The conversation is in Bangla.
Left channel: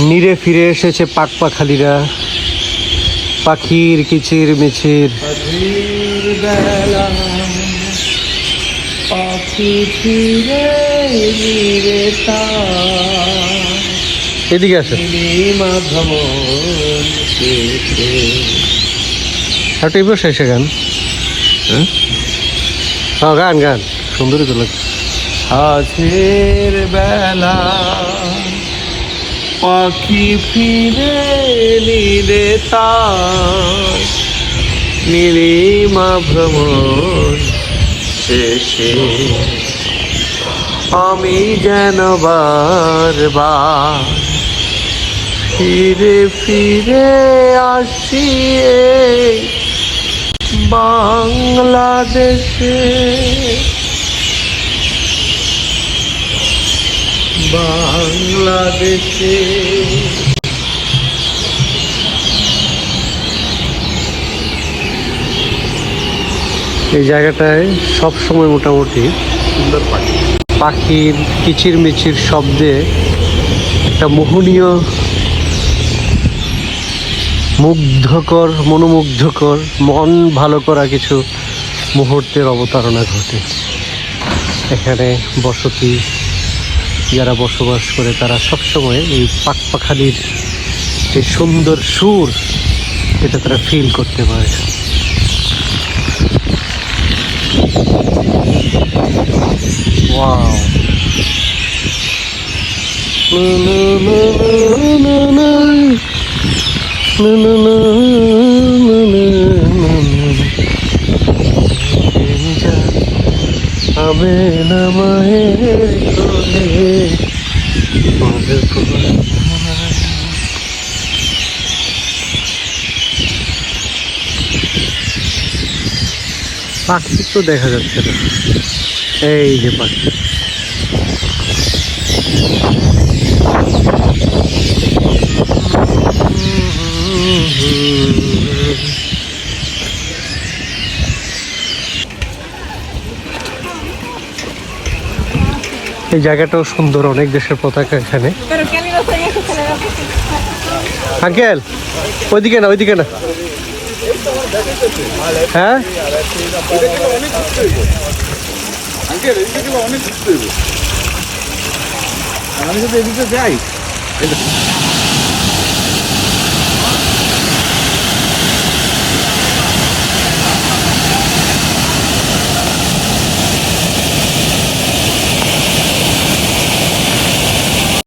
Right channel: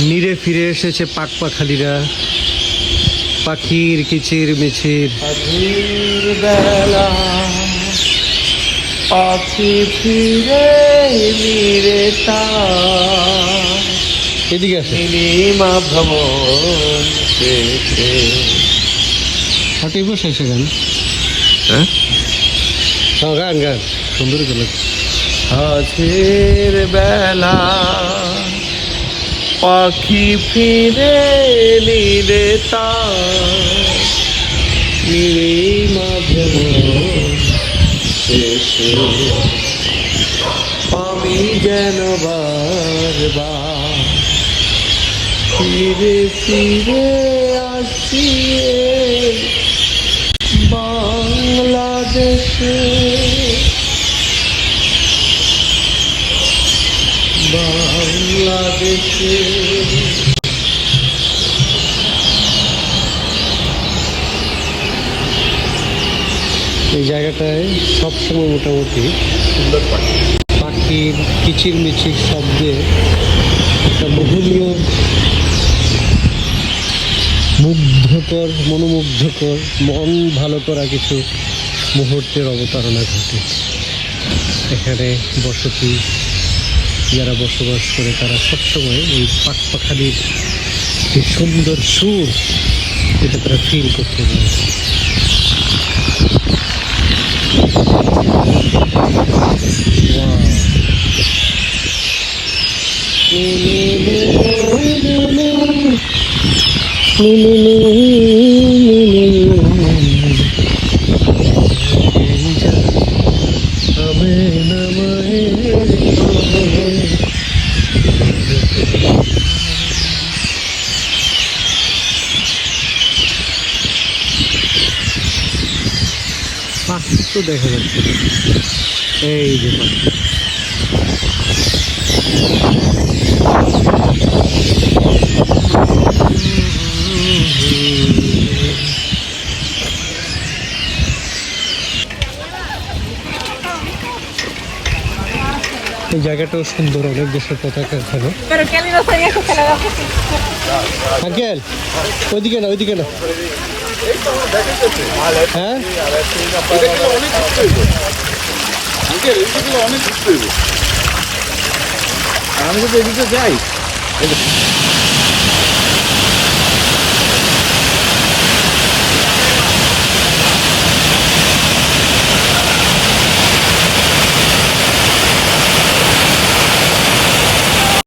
নিরে ফিরে এসেছে পাক পাখালিরা পাখির কিচির মিচির পাখি ফিরে নিরে এদিকে আসে। এই বসে এসে গান। হ্যাঁ? হ্যাঁ গান গান। সুন্দরই তো লাগছে। আজের বেলা পাখি ফিরে নিলে তার নীলিমা ভ্রমণ শেষে। আমি যেন বারবার ফিরে ফিরে আসি বাংলাদেশে। বাংলাদেশে। এই জায়গাটায় সব সময় মোটামুটি সুন্দর পাখি। পাখির কিচির মিচির শব্দে একটা মোহনীয় মুগ্ধকর মনোমুগ্ধকর মন ভালো করা কিছু মুহূর্তের অবতারণা ঘটে। এখানে বসতি যারা বসবাস করে তারা সবসময় এই পাক পাখালির এই সুন্দর সুর এটা তারা ফিল করতে পারে। ওয়াও আমি কোলে পাখি তো দেখা যাচ্ছে না। এই যে পাখি। এই জায়গাটাও সুন্দর অনেক দেশের পতাকা এখানে. আঙ্কেল ওইদিকে না ওইদিকে না। হ্যাঁ? আমি যদি এদিকে যাই